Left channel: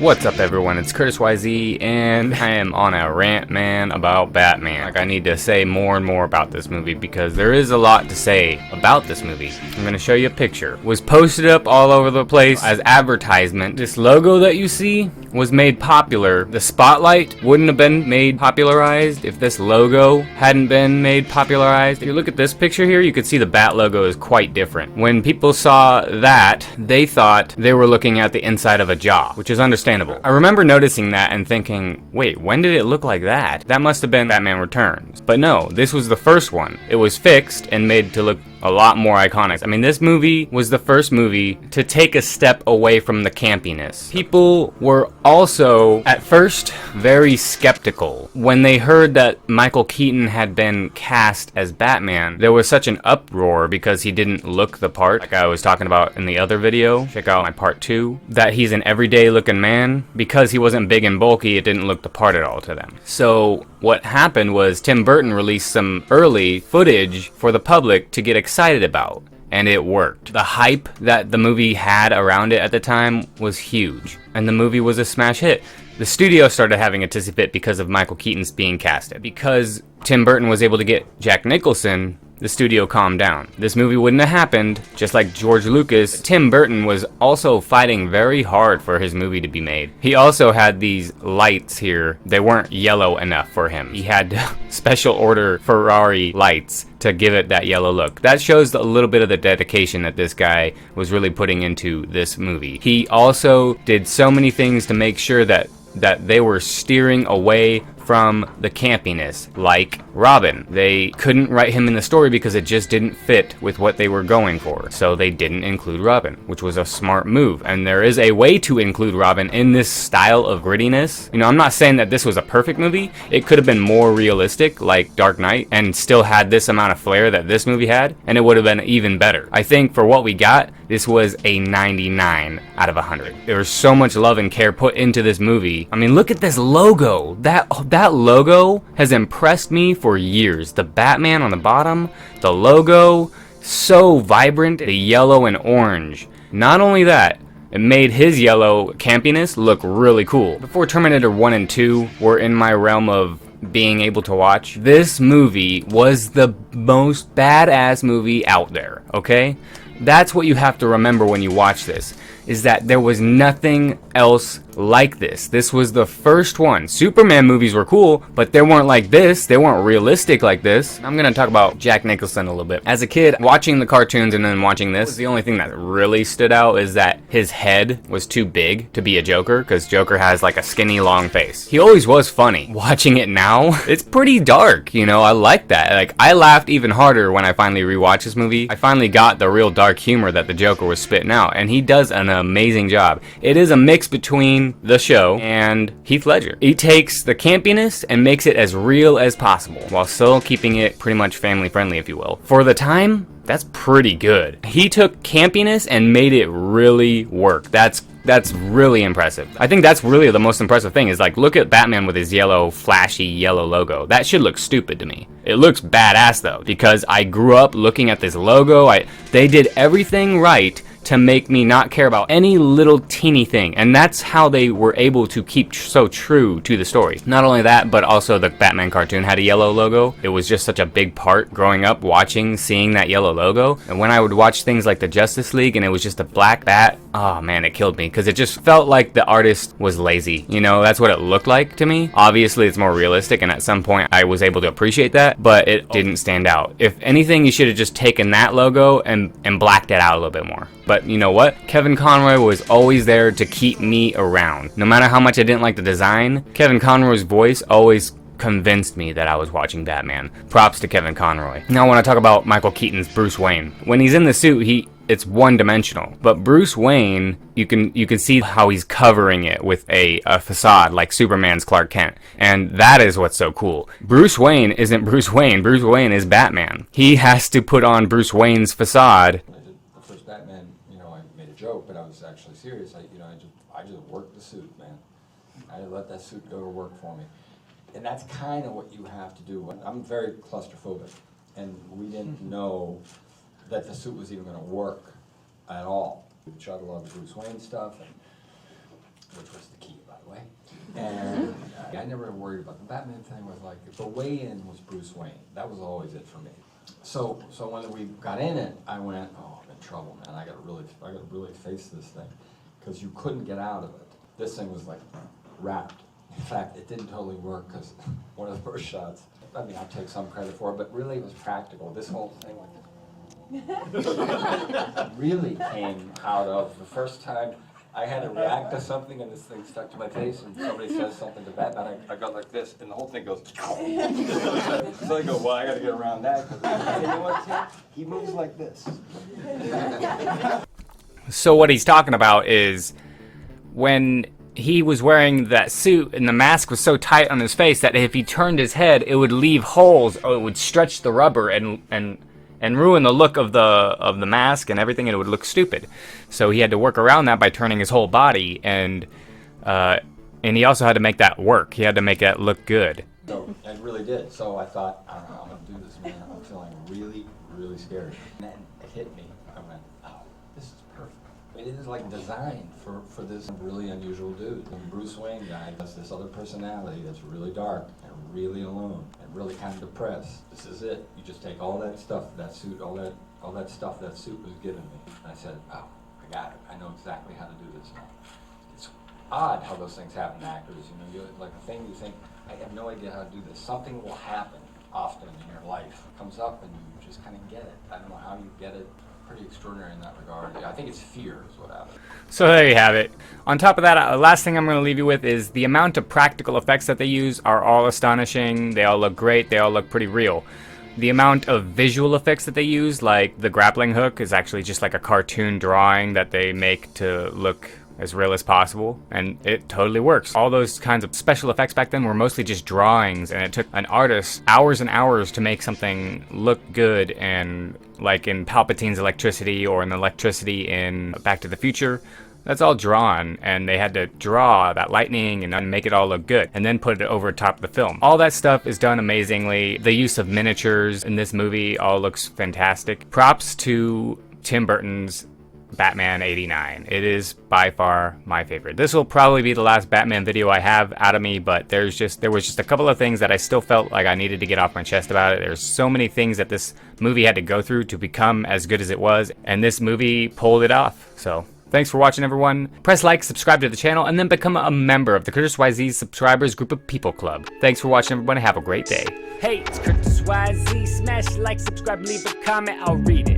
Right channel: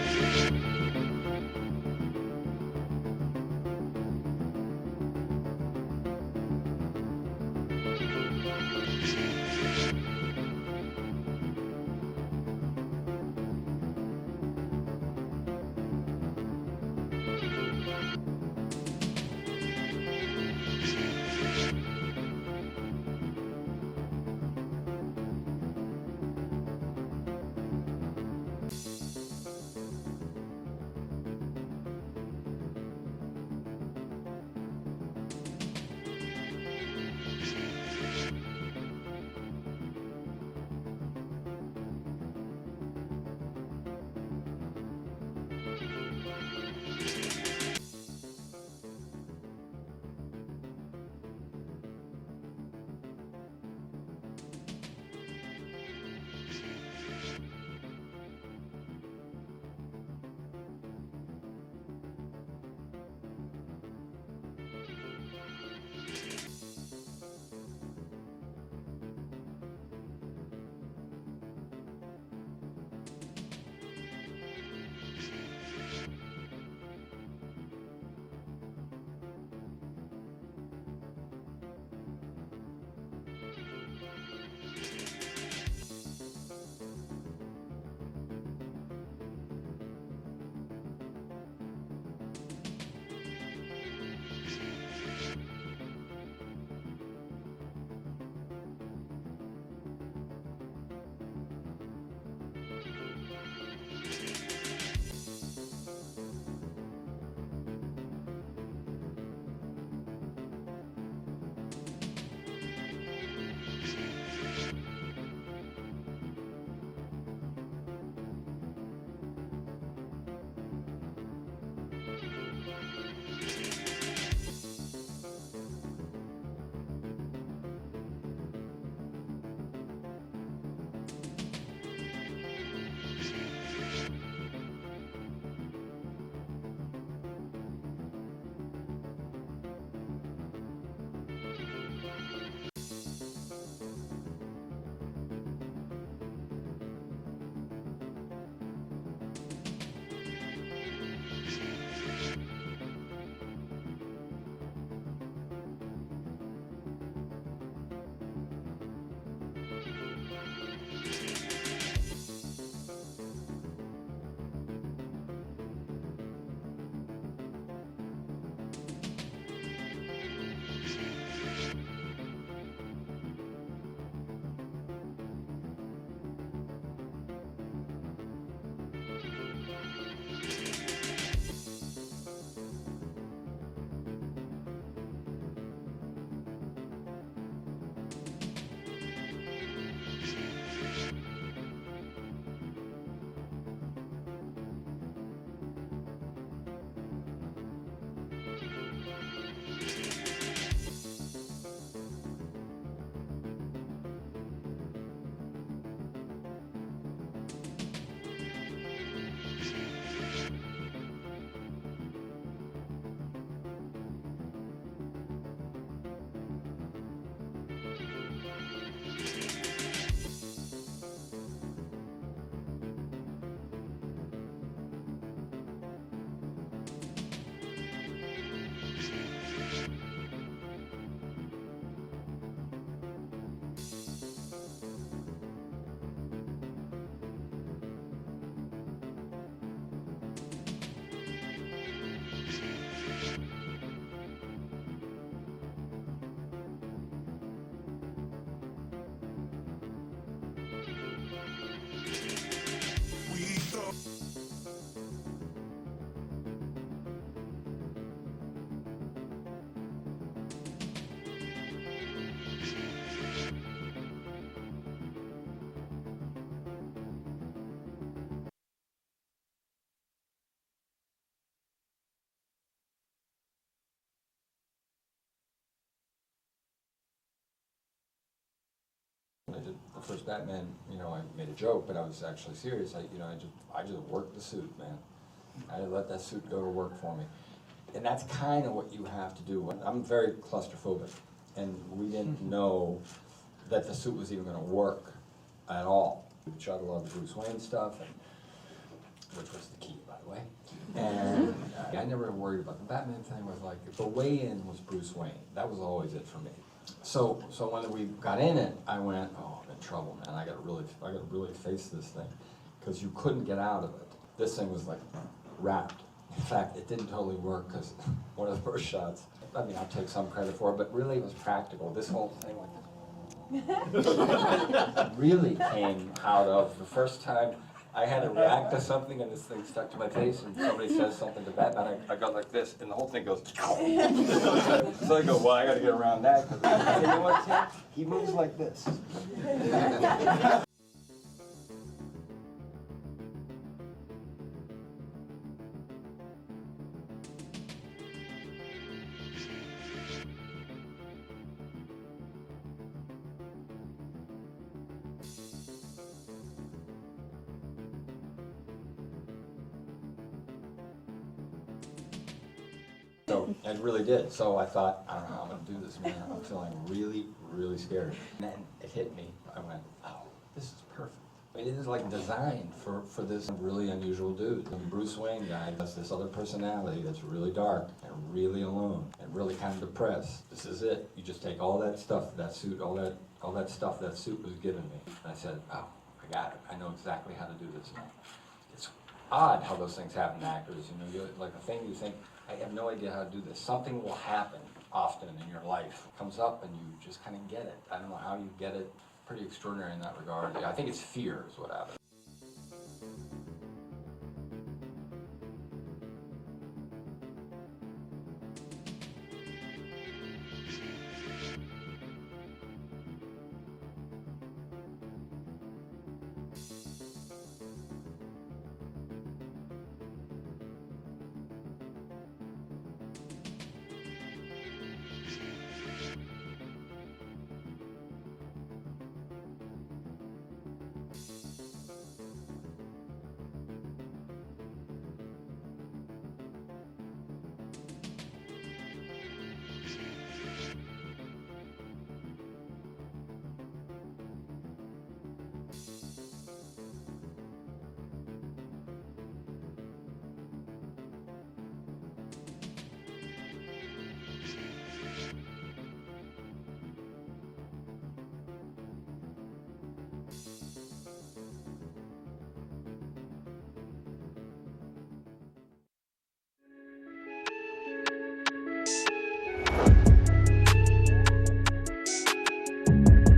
What's up everyone, it's Curtis YZ, and I am on a rant, man, about Batman. Like, I need to say more and more about this movie because there is a lot to say about this movie. I'm gonna show you a picture. It was posted up all over the place as advertisement. This logo that you see was made popular. The spotlight wouldn't have been made popularized if this logo hadn't been made popularized. If you look at this picture here, you can see the Bat logo is quite different. When people saw that, they thought they were looking at the inside of a jaw, which is understandable. I remember noticing that and thinking, wait, when did it look like that? That must have been Batman Returns. But no, this was the first one. It was fixed and made to look a lot more iconic. I mean, this movie was the first movie to take a step away from the campiness. People were also, at first, very skeptical. When they heard that Michael Keaton had been cast as Batman, there was such an uproar because he didn't look the part, like I was talking about in the other video, check out my part 2, that he's an everyday looking man. Because he wasn't big and bulky, it didn't look the part at all to them. So what happened was Tim Burton released some early footage for the public to get excited about, and it worked. The hype that the movie had around it at the time was huge, and the movie was a smash hit. The studio started having a tizzy fit because of Michael Keaton's being casted. Because Tim Burton was able to get Jack Nicholson, the studio calmed down. This movie wouldn't have happened, just like George Lucas. Tim Burton was also fighting very hard for his movie to be made. He also had these lights here. They weren't yellow enough for him. He had to special order Ferrari lights to give it that yellow look. That shows a little bit of the dedication that this guy was really putting into this movie. He also did so many things to make sure that they were steering away from the campiness, like Robin. They couldn't write him in the story because it just didn't fit with what they were going for. So they didn't include Robin, which was a smart move. And there is a way to include Robin in this style of grittiness. You know, I'm not saying that this was a perfect movie. It could have been more realistic, like Dark Knight, and still had this amount of flair that this movie had, and it would have been even better. I think for what we got, this was a 99 out of 100. There was so much love and care put into this movie. I mean, look at this logo. That logo has impressed me for years. The Batman on the bottom, the logo, so vibrant, the yellow and orange. Not only that, it made his yellow campiness look really cool. Before Terminator 1 and 2 were in my realm of being able to watch, this movie was the most badass movie out there, okay? That's what you have to remember when you watch this, is that there was nothing else like this. This was the first one. Superman movies were cool, but they weren't like this. They weren't realistic like this. I'm gonna talk about Jack Nicholson a little bit. As a kid, watching the cartoons and then watching this, the only thing that really stood out is that his head was too big to be a Joker, because Joker has like a skinny, long face. He always was funny. Watching it now, it's pretty dark, you know? I like that. Like, I laughed even harder when I finally rewatched this movie. I finally got the real dark humor that the Joker was spitting out, and he does an amazing job. It is a mix between the show and Heath Ledger. He takes the campiness and makes it as real as possible while still keeping it pretty much family friendly, if you will. For the time, that's pretty good. He took campiness and made it really work. That's really impressive. I think that's really the most impressive thing, is like, look at Batman with his yellow, flashy yellow logo. That should look stupid to me. It looks badass though, because I grew up looking at this logo. They did everything right to make me not care about any little teeny thing, and that's how they were able to keep so true to the story. Not only that, but also the Batman cartoon had a yellow logo. It was just such a big part growing up seeing that yellow logo. And when I would watch things like the Justice League and it was just a black bat, oh man, it killed me, because it just felt like the artist was lazy. You know, that's what it looked like to me. Obviously it's more realistic, and at some point I was able to appreciate that, but it didn't stand out. If anything, you should have just taken that logo and blacked it out a little bit more. But you know what? Kevin Conroy was always there to keep me around. No matter how much I didn't like the design, Kevin Conroy's voice always convinced me that I was watching Batman. Props to Kevin Conroy. Now I want to talk about Michael Keaton's Bruce Wayne. When he's in the suit, it's one-dimensional. But Bruce Wayne, you can see how he's covering it with a facade like Superman's Clark Kent. And that is what's so cool. Bruce Wayne isn't Bruce Wayne. Bruce Wayne is Batman. He has to put on Bruce Wayne's facade. I did the first Batman, you know, I made a joke, but I was actually serious. I just worked the suit, man. I let that suit go to work for me. And that's kind of what you have to do. I'm very claustrophobic, and we didn't know that the suit was even going to work at all. We shot a lot of Bruce Wayne stuff, and which was the key, by the way. And I never worried about the Batman thing. Was like, the way in was Bruce Wayne. That was always it for me. So when we got in it, I went, oh, I'm in trouble, man. I got to really face this thing, because you couldn't get out of it. This thing was like wrapped. In fact, it didn't totally work, because one of the first shots, I mean, I'll take some credit for it, but really it was practical. This whole thing like this really came out of the first time I had to react to something and this thing stuck to my face, and somebody says something to Batman, I go like this, and the whole thing goes. So I go, well, I got to get around that, because you know what, Tim? He moves like this. So what he's talking about is when he was wearing that suit and the mask was so tight on his face that if he turned his head, it would leave holes, or it would stretch the rubber and ruin the look of the mask and everything, and it would look stupid. So he had to work around that by turning his whole body, and he also had to make that work. He had to make that look good. So it really did. So I thought, I don't know, I'm going to do this, man. I'm feeling really, really scared. And then it hit me. I went, oh, this is perfect. It is like designed for this really unusual dude. The Bruce Wayne guy has this other personality that's really dark and really alone and really kind of depressed. This is it. You just take all that stuff, that suit, all that stuff that suit was giving me. And I said, oh, I got it. I know exactly how to do this now. It's odd how those things happen to actors. You know, like a thing you think, I have no idea how to do this. Something will happen often in your life. It comes up and you just kind of get it. I don't know how you get it. Pretty extraordinary in that regard. I think it's fear is what happened. So there you have it. On top of that, last thing I'm going to leave you with is the amount of practical effects that they use are all astonishing. They all look great. They all look pretty real. The amount of visual effects that they use, like the grappling hook, is actually just like a cartoon drawing that they make to look as real as possible, and it totally works. All those kinds of special effects back then were mostly just drawings, and it took an artist hours and hours to make something look good, and like in Palpatine's electricity or in the electricity in Back to the Future, that's all drawn, and they had to draw that lightning and make it all look good, and then put it over top of the film. All that stuff is done amazingly. The use of miniatures in this movie all looks fantastic. Props to Tim Burton's Batman '89. It is by far my favorite. This will probably be the last Batman video I have out of me, but there was just a couple of things that I still felt like I needed to get off my chest about it. There's so many things that this movie had to go through to become as good as it was, and this movie pulled it off. So thanks for watching, everyone. Press like, subscribe to the channel, and then become a member of the Curtis YZ Subscribers Group of People Club. Thanks for watching, everyone. Have a great day. Hey, it's Curtis YZ. Smash like, subscribe, leave a comment. I'll read it.